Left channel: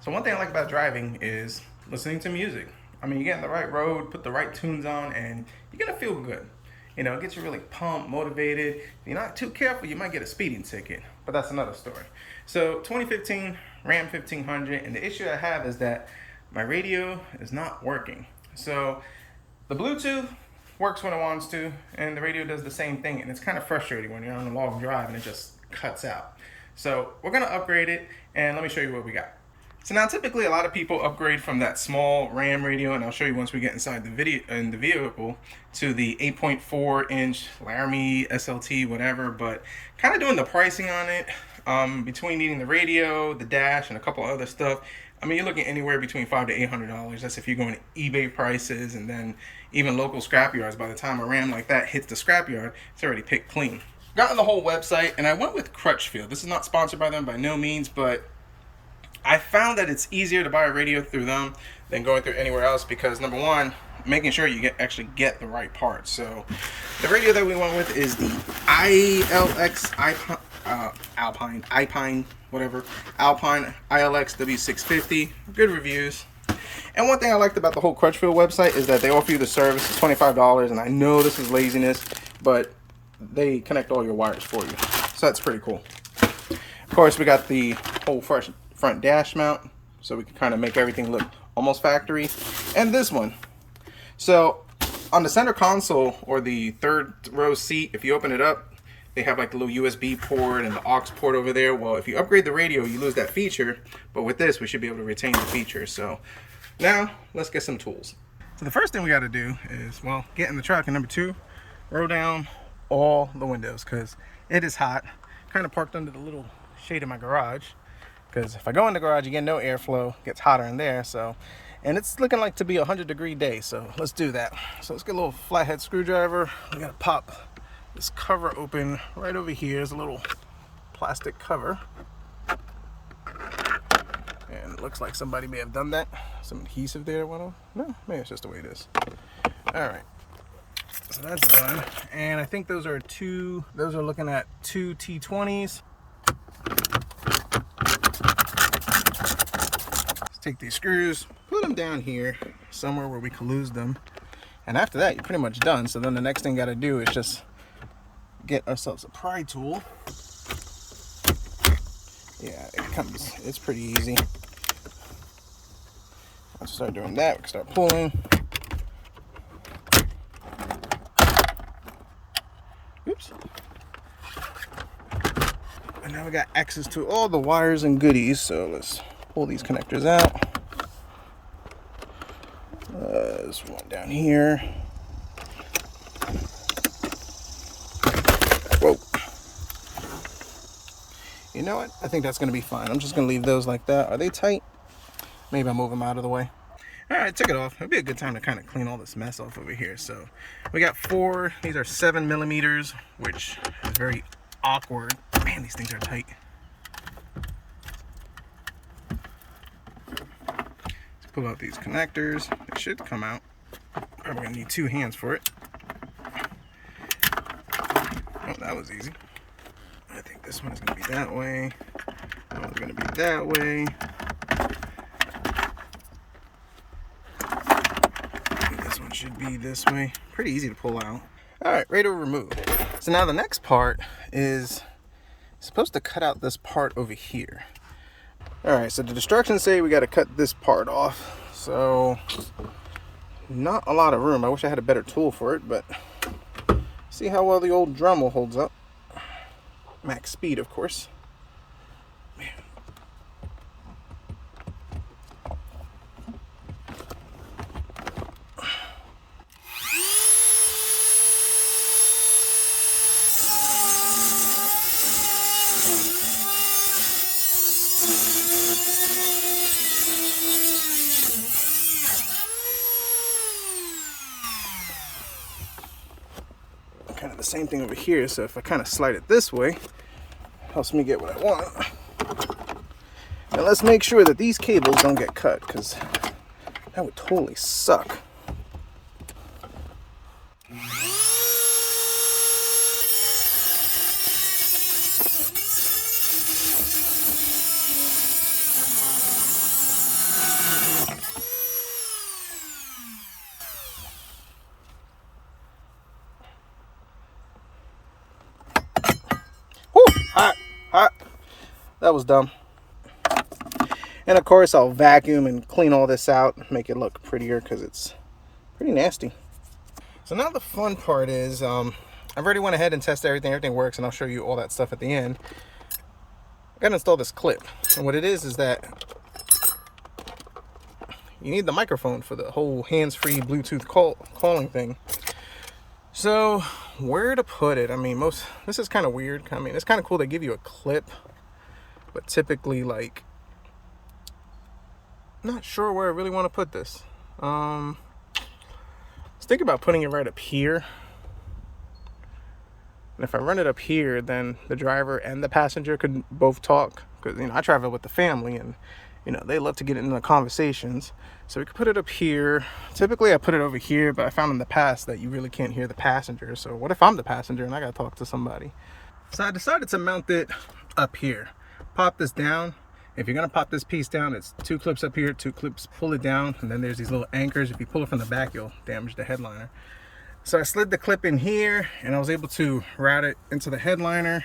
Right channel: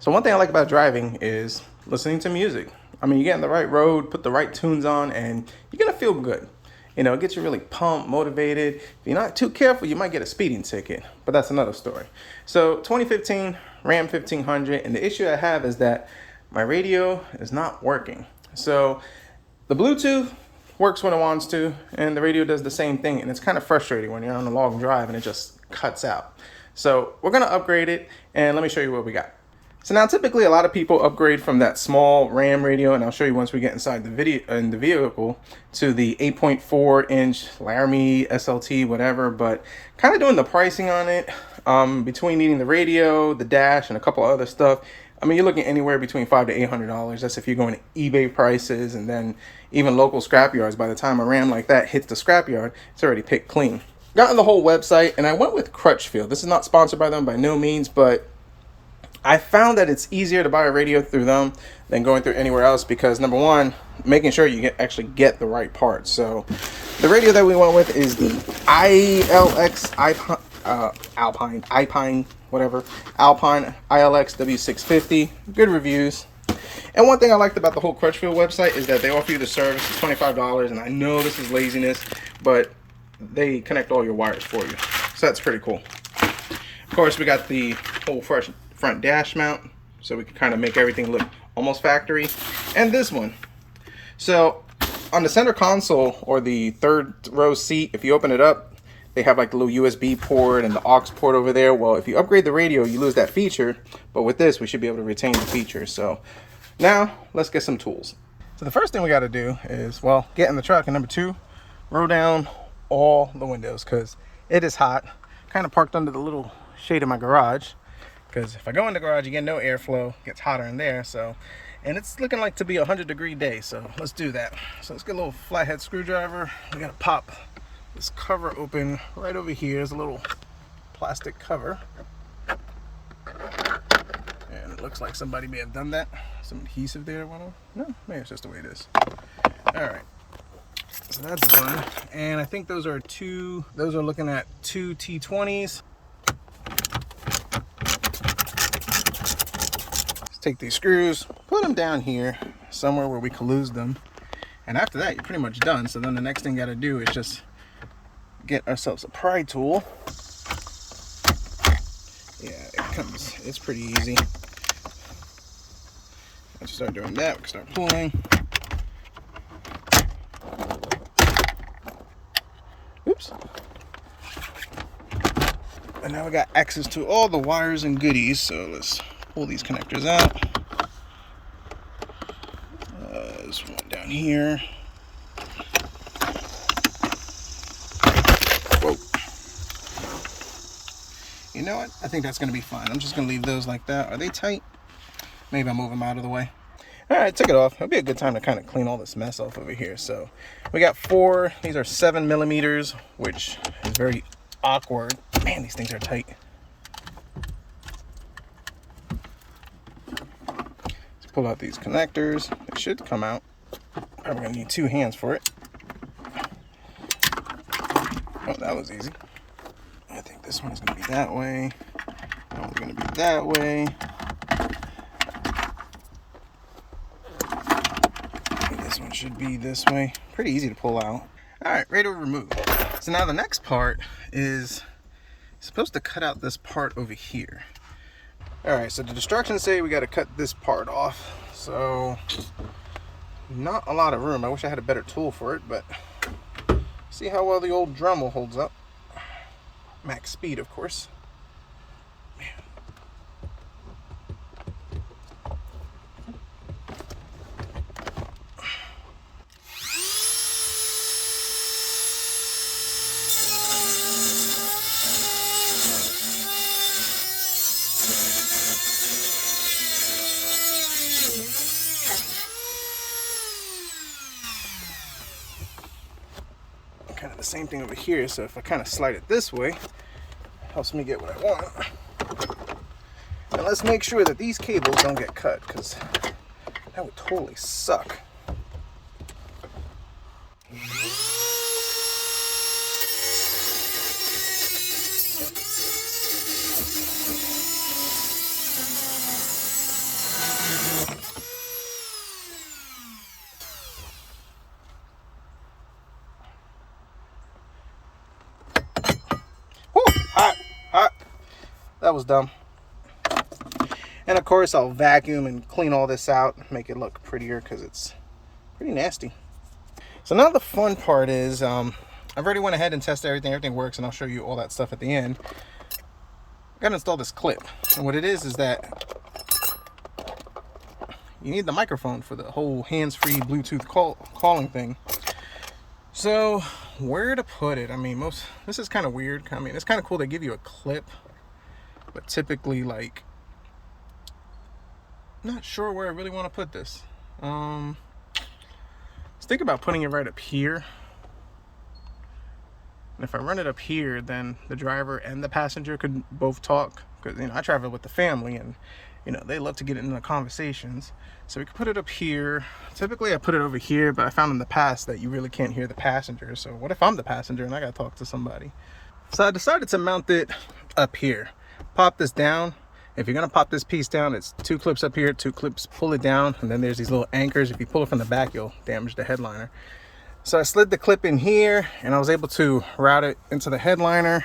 So one thing I like about driving is listening to music. I mean, you get on the right road, put the right tunes on, and you're gonna feel good. You know, it gets you really pumped, motivated. If you're not too careful, you might get a speeding ticket, but that's another story. So 2015 Ram 1500, and the issue I have is that my radio is not working. So the Bluetooth works when it wants to, and the radio does the same thing, and it's kind of frustrating when you're on a long drive and it just cuts out. So we're gonna upgrade it, and let me show you what we got. So now typically a lot of people upgrade from that small RAM radio, and I'll show you once we get inside the vehicle, to the 8.4-inch Laramie SLT, whatever, but kind of doing the pricing on it, between needing the radio, the dash, and a couple other stuff. I mean, you're looking anywhere between $500 to $800. That's if you're going to eBay prices, and then even local scrap yards. By the time a RAM like that hits the scrap yard, it's already picked clean. Got on the whole website, and I went with Crutchfield. This is not sponsored by them by no means, but I found that it's easier to buy a radio through them than going through anywhere else because, number one, making sure you actually get the right parts. So the radio that we went with is the ILX Alpine, whatever, Alpine ILX W650. Good reviews. And one thing I liked about the whole Crutchfield website is that they offer you the service. It's $25, and I know this is laziness, but they connect all your wires for you. So that's pretty cool. Of course, we got the whole front dash mount, so we can kind of make everything look almost factory. And this one. So on the center console, or the third row seat, if you open it up, they have like the little USB port and the aux port over there. Well, if you upgrade the radio, you lose that feature, but with this, we should be able to retain the feature. So now let's get some tools. So the first thing we got to do is, well, get in the truck, and number two, roll down all the windows because it is hot. Kind of parked under the little shade of my garage, because if I go in the garage, you get no airflow. It gets hotter in there. So, and it's looking like to be a 100-degree day, so let's do that. So let's get a little flathead screwdriver. We gotta pop this cover open right over here. There's a little plastic cover, and it looks like somebody may have done that. Some adhesive there. No, maybe it's just the way it is. All right, so that's done. And I think those are looking at two T20s. Take these screws, put them down here somewhere where we can lose them, and after that you're pretty much done. So then the next thing got to do is just get ourselves a pry tool. Yeah, it's pretty easy. Let's start doing that. We can start pulling. Oops. And now we got access to all the wires and goodies, so let's pull these connectors out. There's one down here. Whoa. You know what? I think that's going to be fine. I'm just going to leave those like that. Are they tight? Maybe I'll move them out of the way. All right, took it off. It'll be a good time to kind of clean all this mess off over here. So we got 4. These are 7 millimeters, which is very awkward. Man, these things are tight. Let's pull out these connectors. They should come out. Probably gonna need 2 hands for it. Oh, that was easy. I think this one's gonna be that way. That one's gonna be that way. This one should be this way. Pretty easy to pull out. All right, ready to remove. So now the next part is supposed to cut out this part over here. All right, so the instructions say we got to cut this part off. So not a lot of room. I wish I had a better tool for it, but see how well the old Dremel holds up. Max speed, of course. Man. Kind of the same thing over here, so if I kind of slide it this way, helps me get what I want. And let's make sure that these cables don't get cut, because that would totally suck. that was dumb. And of course, I'll vacuum and clean all this out, make it look prettier because it's pretty nasty. So now the fun part is, I've already went ahead and tested everything. Everything works, and I'll show you all that stuff at the end. I gotta install this clip, and what it is that you need the microphone for the whole hands-free Bluetooth calling thing. So where to put it? I mean, this is kind of weird. I mean, it's kind of cool they give you a clip, but typically, like, not sure where I really want to put this. Let's think about putting it right up here. And if I run it up here, then the driver and the passenger could both talk, because, you know, I travel with the family, and, you know, they love to get into conversations. So we could put it up here. Typically I put it over here, but I found in the past that you really can't hear the passenger. So what if I'm the passenger and I gotta talk to somebody? So I decided to mount it up here. Pop this down. If you're gonna pop this piece down, it's 2 clips up here, 2 clips, pull it down, and then there's these little anchors. If you pull it from the back, you'll damage the headliner. So I slid the clip in here, and I was able to route it into the headliner,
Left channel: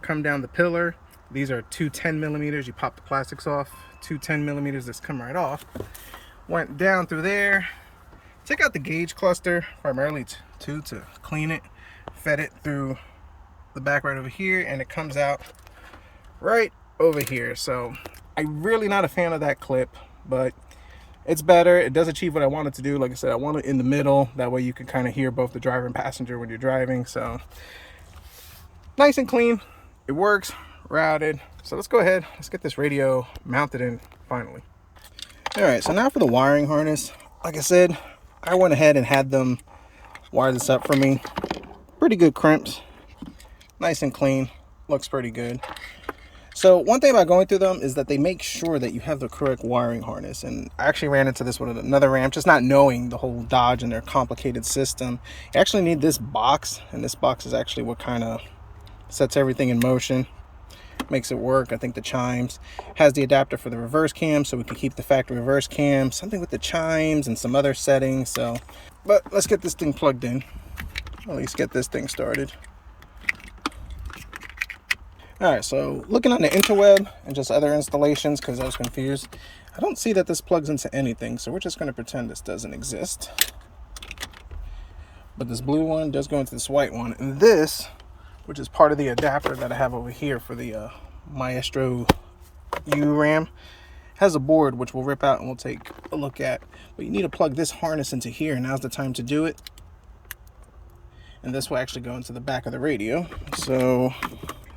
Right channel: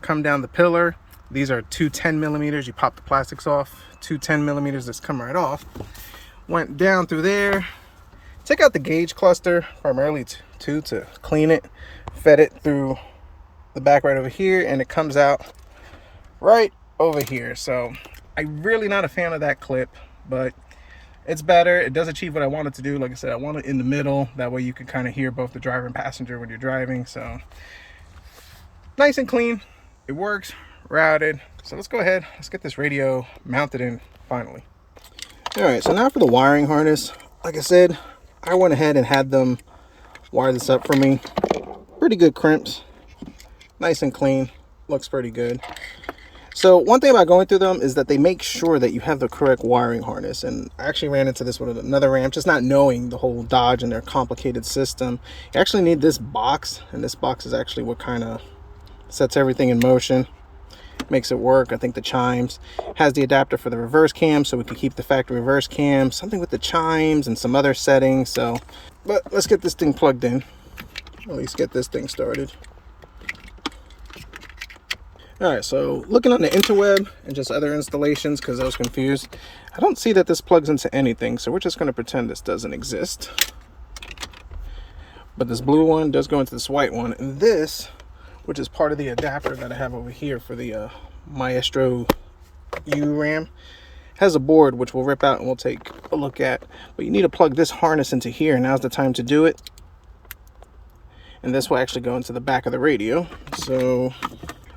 come down the pillar. These are 2 10mm. You pop the plastics off, 2 10mm, just come right off. Went down through there, took out the gauge cluster, primarily to clean it, fed it through the back right over here, and it comes out right over here. So I'm really not a fan of that clip, but it's better. It does achieve what I wanted to do. Like I said, I want it in the middle. That way you can kind of hear both the driver and passenger when you're driving. So nice and clean. It works, routed. So let's go ahead. Let's get this radio mounted in finally. All right, so now for the wiring harness. Like I said, I went ahead and had them wire this up for me. Pretty good crimps. Nice and clean. Looks pretty good. So one thing about going through them is that they make sure that you have the correct wiring harness. And I actually ran into this with another Ram, just not knowing the whole Dodge and their complicated system. You actually need this box, and this box is actually what kind of sets everything in motion. Makes it work. I think the chimes has the adapter for the reverse cam, so we can keep the factory reverse cam, something with the chimes and some other settings. So, but let's get this thing plugged in, at least get this thing started. All right, so looking on the interweb and just other installations, because I was confused, I don't see that this plugs into anything, so we're just going to pretend this doesn't exist. But this blue one does go into this white one, and this, which is part of the adapter that I have over here for the Maestro U Ram, has a board which we'll rip out and we'll take a look at. But you need to plug this harness into here. Now's the time to do it. And this will actually go into the back of the radio. So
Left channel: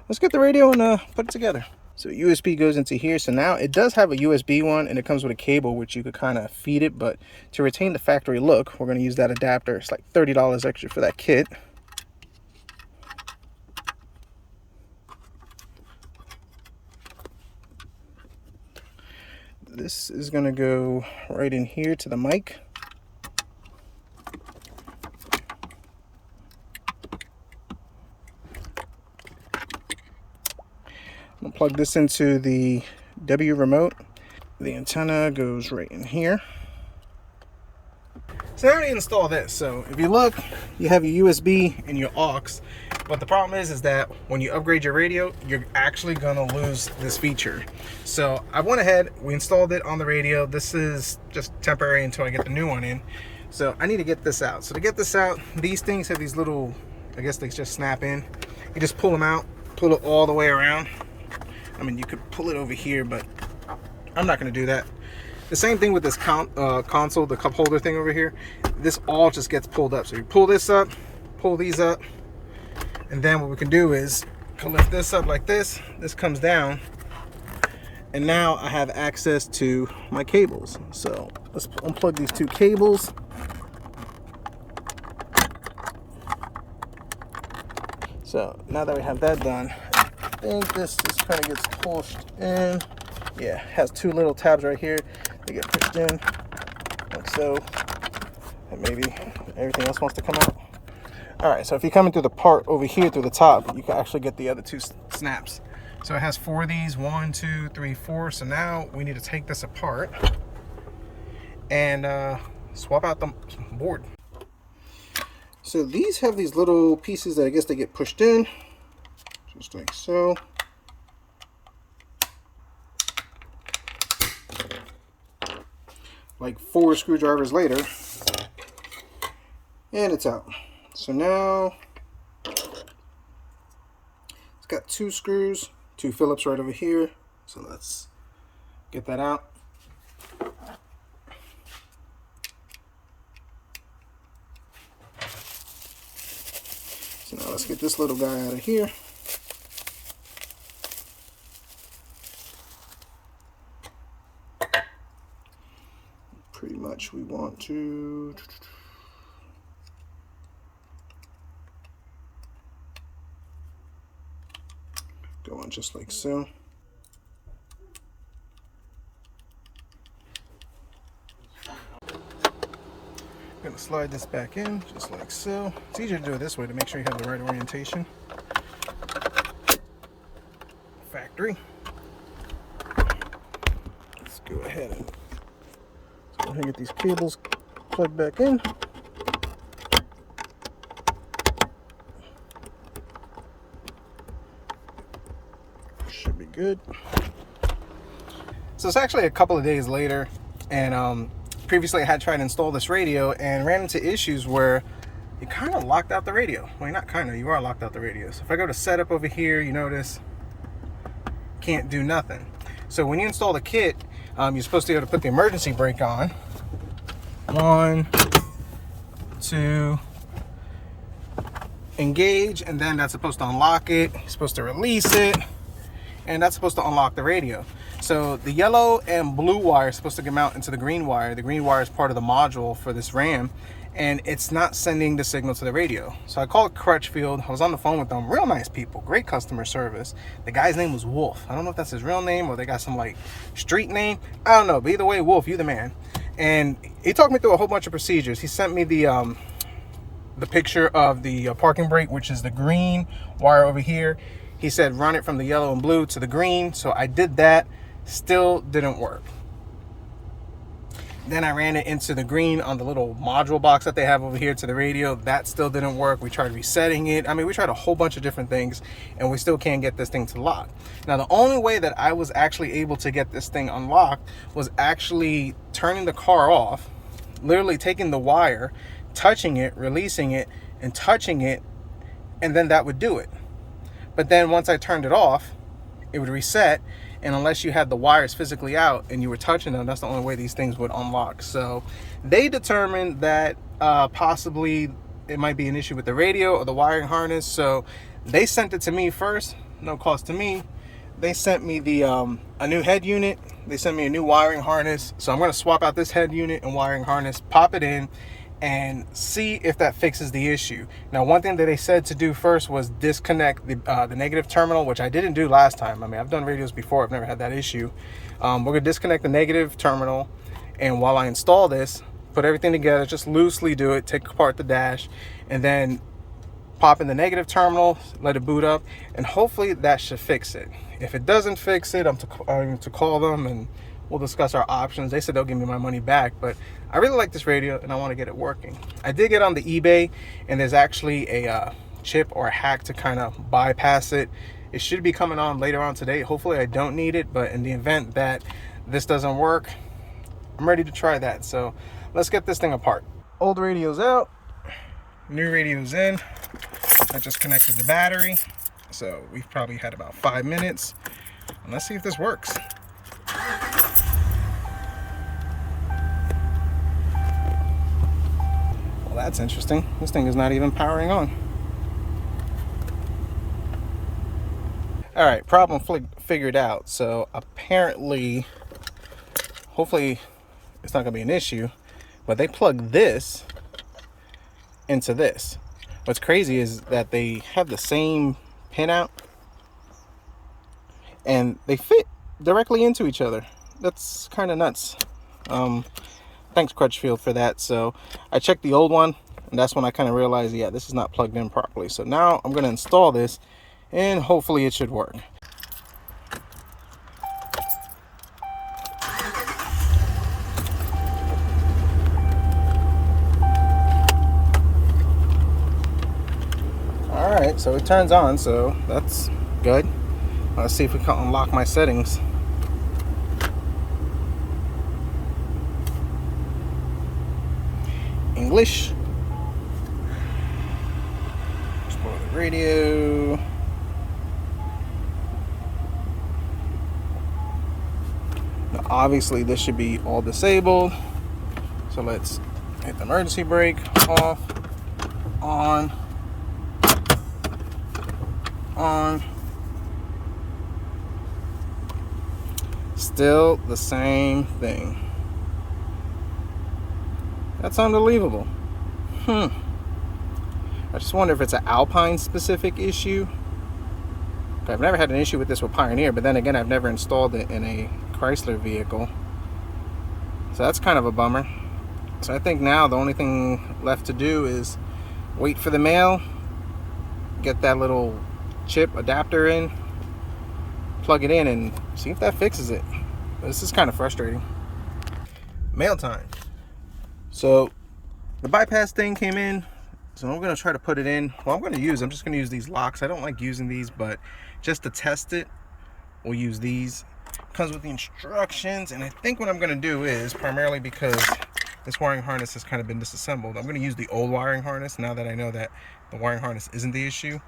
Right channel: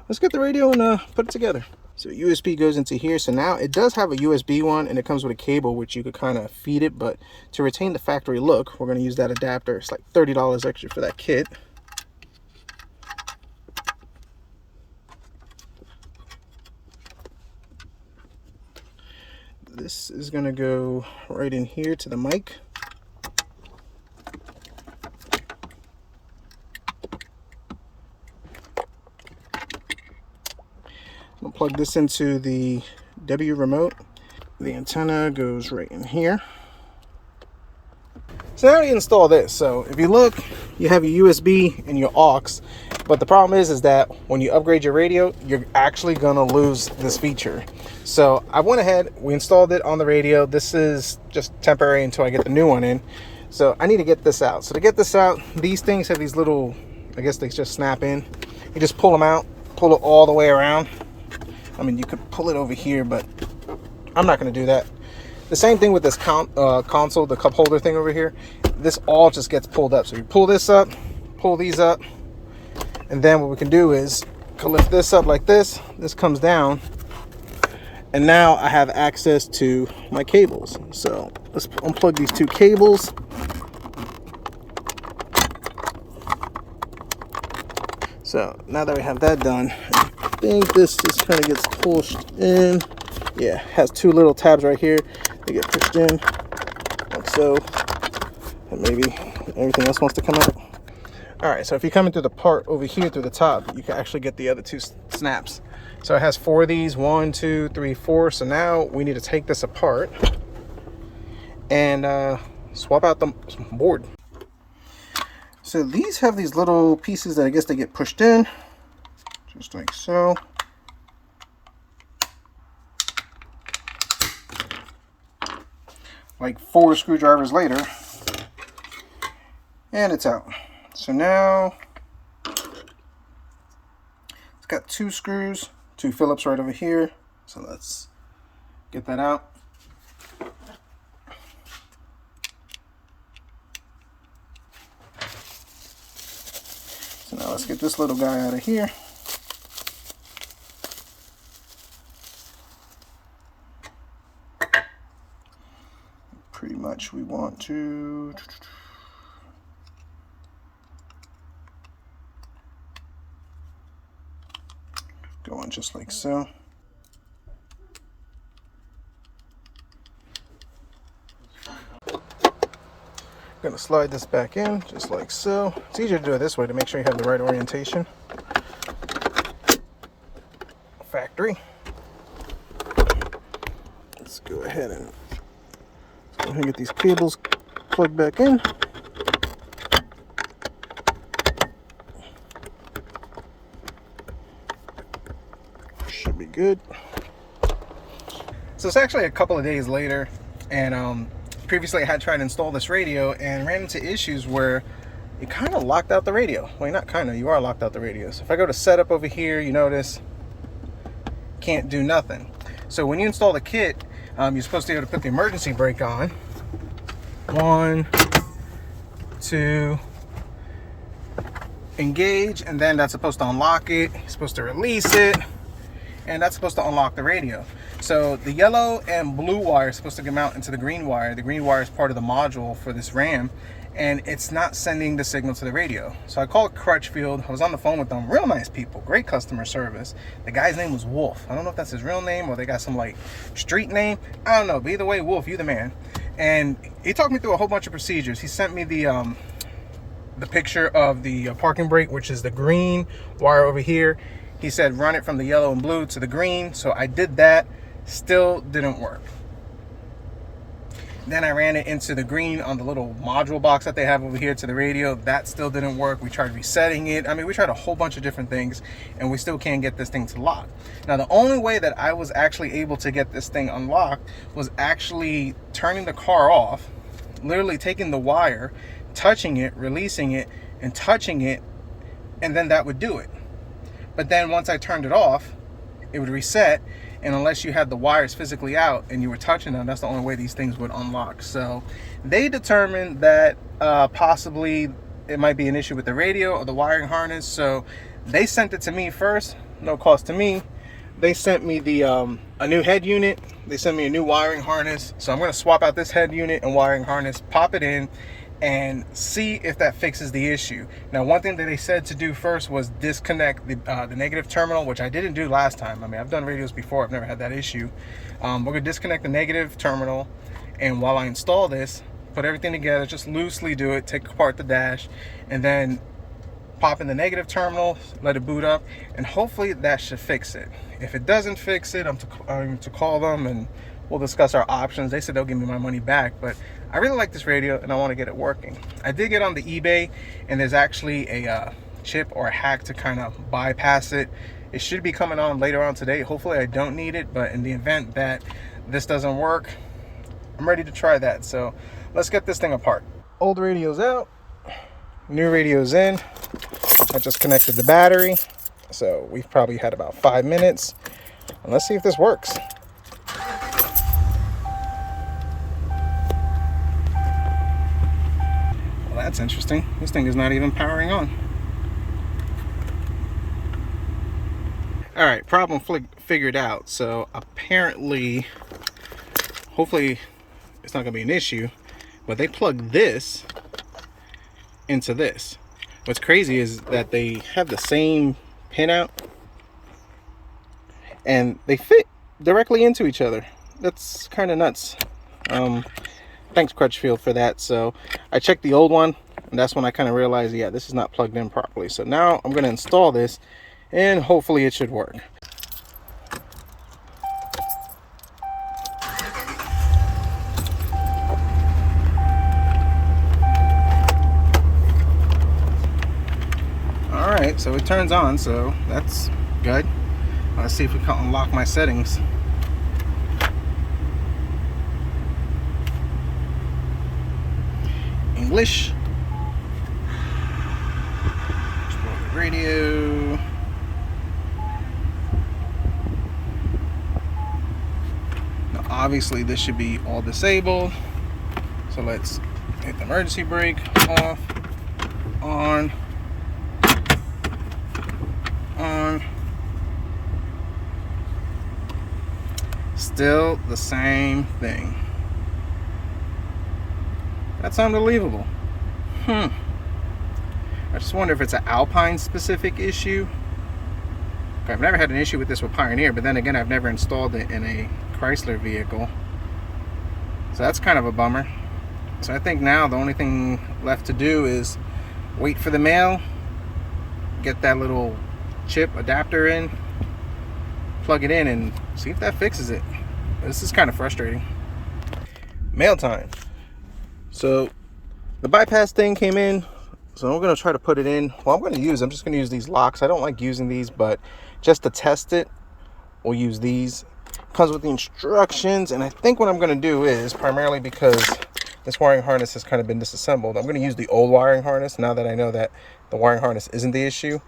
let's get the radio and put it together. So USB goes into here. So now it does have a USB one, and it comes with a cable which you could kind of feed it. But to retain the factory look, we're going to use that adapter. It's like $30 extra for that kit. This is going to go right in here to the mic. I'm going to plug this into the W remote. The antenna goes right in here. So I already installed this. So if you look, you have your USB and your aux. But the problem is that when you upgrade your radio, you're actually going to lose this feature. So I went ahead, we installed it on the radio. This is just temporary until I get the new one in. So I need to get this out. So to get this out, these things have these little, I guess they just snap in. You just pull them out, pull it all the way around. I mean, you could pull it over here, but I'm not going to do that. The same thing with this console, the cup holder thing over here. This all just gets pulled up. So you pull this up, pull these up, and then what we can do is lift this up like this. This comes down, and now I have access to my cables. So let's unplug these 2 cables. So now that we have that done, I think this just kind of gets pushed in. Yeah, has 2 little tabs right here. They get pushed in like so, and maybe everything else wants to come out. All right, so if you're coming through the part over here through the top, you can actually get the other 2 snaps. So it has 4 of these, 1, 2, 3, 4. So now we need to take this apart and swap out the board. So these have these little pieces that I guess they get pushed in, just like so. like 4 screwdrivers later, and it's out. So now it's got 2 screws, 2 Phillips right over here. So let's get that out. So now let's get this little guy out of here. Pretty much we want to go on just like so. Gonna slide this back in just like so. It's easier to do it this way to make sure you have the right orientation. Factory. Let's go ahead and get these cables plugged back in. Should be good. So it's actually a couple of days later, and previously I had tried to install this radio and ran into issues where it kind of locked out the radio. Well, not kind of, you are locked out the radio. So if I go to setup over here, you notice can't do nothing. So when you install the kit, you're supposed to be able to put the emergency brake on. 1, 2, engage, and then that's supposed to unlock it. You're supposed to release it, and that's supposed to unlock the radio. So the yellow and blue wire is supposed to come out into the green wire. The green wire is part of the module for this RAM, and it's not sending the signal to the radio. So I called Crutchfield. I was on the phone with them. Real nice people, great customer service. The guy's name was Wolf. I don't know if that's his real name or they got some like street name. I don't know, but either way, Wolf, you the man. And he talked me through a whole bunch of procedures. He sent me the picture of the parking brake, which is the green wire over here. He said run it from the yellow and blue to the green. So I did that. Still didn't work. Then I ran it into the green on the little module box that they have over here to the radio. That still didn't work. We tried resetting it. I mean, we tried a whole bunch of different things, and we still can't get this thing to lock. Now, the only way that I was actually able to get this thing unlocked was actually turning the car off, literally taking the wire, touching it, releasing it, and touching it, and then that would do it. But then once I turned it off, it would reset. And unless you had the wires physically out and you were touching them, that's the only way these things would unlock. So they determined that possibly it might be an issue with the radio or the wiring harness. So they sent it to me first, no cost to me. They sent me the a new head unit. They sent me a new wiring harness. So I'm gonna swap out this head unit and wiring harness, pop it in, and see if that fixes the issue. Now, one thing that they said to do first was disconnect the negative terminal, which I didn't do last time. I mean, I've done radios before, I've never had that issue. We're gonna disconnect the negative terminal, and while I install this, put everything together, just loosely do it, take apart the dash, and then pop in the negative terminal, let it boot up, and hopefully that should fix it. If it doesn't fix it, I'm to call them and we'll discuss our options. They said they'll give me my money back, but I really like this radio and I want to get it working. I did get on the eBay, and there's actually a chip or a hack to kind of bypass it. It should be coming on later on today. Hopefully I don't need it, but in the event that this doesn't work, I'm ready to try that. So let's get this thing apart. Old radio's out, new radio's in. I just connected the battery, so we've probably had about 5 minutes. And let's see if this works. Well, that's interesting. This thing is not even powering on. All right, problem figured out. So apparently, hopefully it's not gonna be an issue, but they plug this into this. What's crazy is that they have the same pinout and they fit directly into each other. That's kind of nuts. Thanks Crutchfield for that. So I checked the old one, and that's when I kind of realized, yeah, this is not plugged in properly. So now I'm going to install this, and hopefully it should work. All right, so it turns on, so that's good. Let's see if we can unlock my settings. English. Explore the radio. Now, obviously, this should be all disabled. So let's hit the emergency brake, off, on, on. Still the same thing. That's unbelievable. I just wonder if it's an Alpine specific issue. I've never had an issue with this with Pioneer, but then again, I've never installed it in a Chrysler vehicle. So that's kind of a bummer. So I think now the only thing left to do is wait for the mail, get that little chip adapter in, plug it in, and see if that fixes it. But this is kind of frustrating. Mail time. So the bypass thing came in, so I'm going to try to put it in. Well, I'm just going to use these locks. I don't like using these, but just to test it, we'll use these. Comes with the instructions, and I think what I'm going to do is, primarily because this wiring harness has kind of been disassembled, I'm going to use the old wiring harness now that I know that the wiring harness isn't the issue.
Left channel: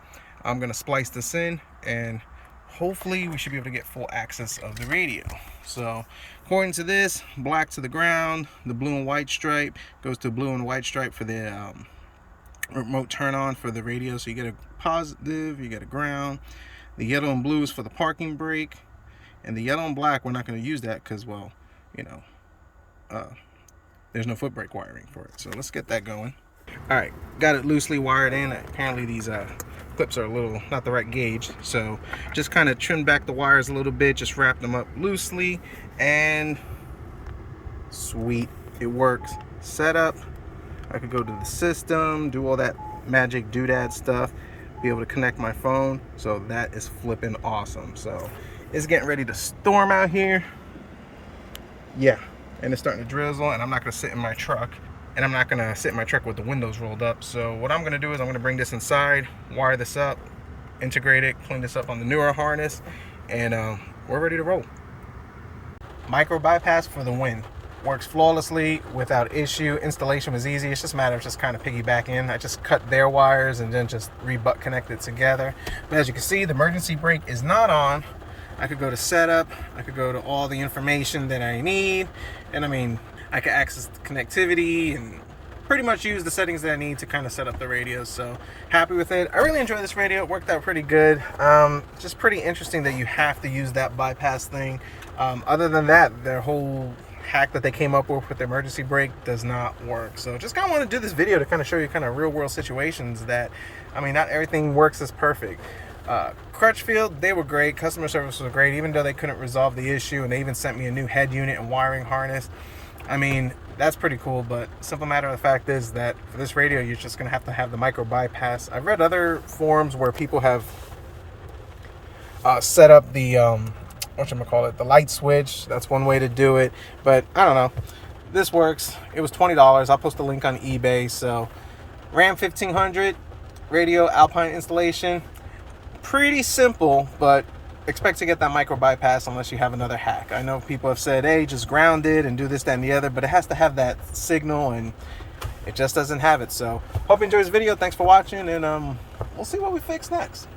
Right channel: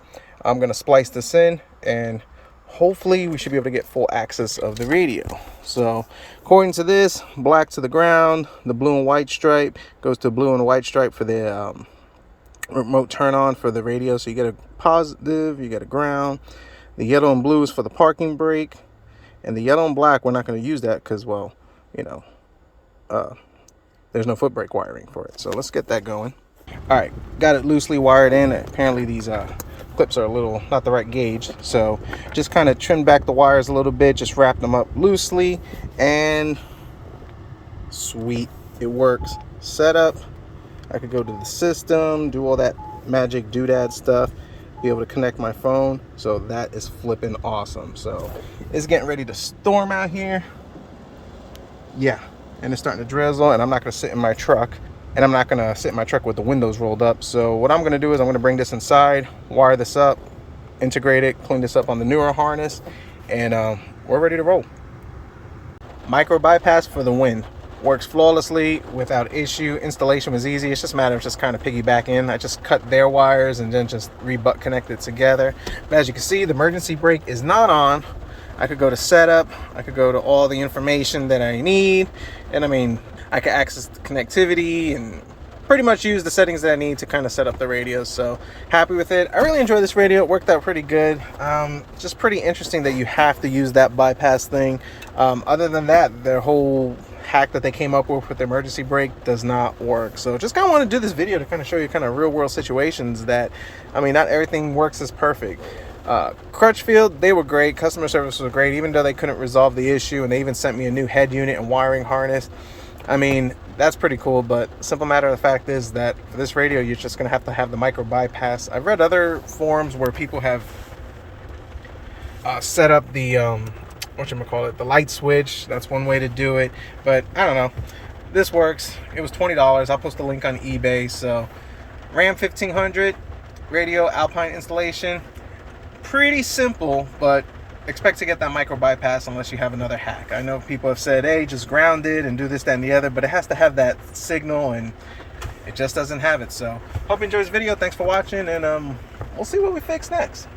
I'm going to splice this in, and hopefully we should be able to get full access of the radio. So according to this, black to the ground, the blue and white stripe goes to blue and white stripe for the remote turn on for the radio. So you get a positive, you get a ground. The yellow and blue is for the parking brake, and the yellow and black, we're not going to use that because, well, you know, there's no foot brake wiring for it. So let's get that going. All right, got it loosely wired in. Apparently these clips are a little not the right gauge, so just kind of trimmed back the wires a little bit, just wrapped them up loosely, and sweet, it works. Setup, I could go to the system, do all that magic doodad stuff, be able to connect my phone. So that is flipping awesome. So it's getting ready to storm out here. Yeah, and it's starting to drizzle, and I'm not going to sit in my truck. And I'm not gonna sit in my truck with the windows rolled up. So what I'm gonna do is I'm gonna bring this inside, wire this up, integrate it, clean this up on the newer harness, and we're ready to roll. Micro bypass for the win. Works flawlessly without issue. Installation was easy. It's just a matter of just kind of piggybacking. I just cut their wires and then just re-butt connect it together. But as you can see, the emergency brake is not on. I could go to setup. I could go to all the information that I need. And I mean, I can access the connectivity and pretty much use the settings that I need to kind of set up the radio. So happy with it. I really enjoyed this radio. It worked out pretty good. Just pretty interesting that you have to use that bypass thing. Other than that, their whole hack that they came up with the emergency brake does not work. So just kind of want to do this video to kind of show you kind of real world situations that, I mean, not everything works as perfect. Crutchfield, they were great. Customer service was great, even though they couldn't resolve the issue, and they even sent me a new head unit and wiring harness. I mean, that's pretty cool, but simple matter of the fact is that for this radio, you're just going to have the micro bypass. I've read other forums where people have set up the, the light switch. That's one way to do it, but I don't know. This works. It was $20. I'll post a link on eBay. So Ram 1500 radio Alpine installation. Pretty simple, but expect to get that micro bypass unless you have another hack. I know people have said, hey, just ground it and do this, that, and the other, but it has to have that signal, and it just doesn't have it. So hope you enjoyed this video. Thanks for watching, and we'll see what we fix next.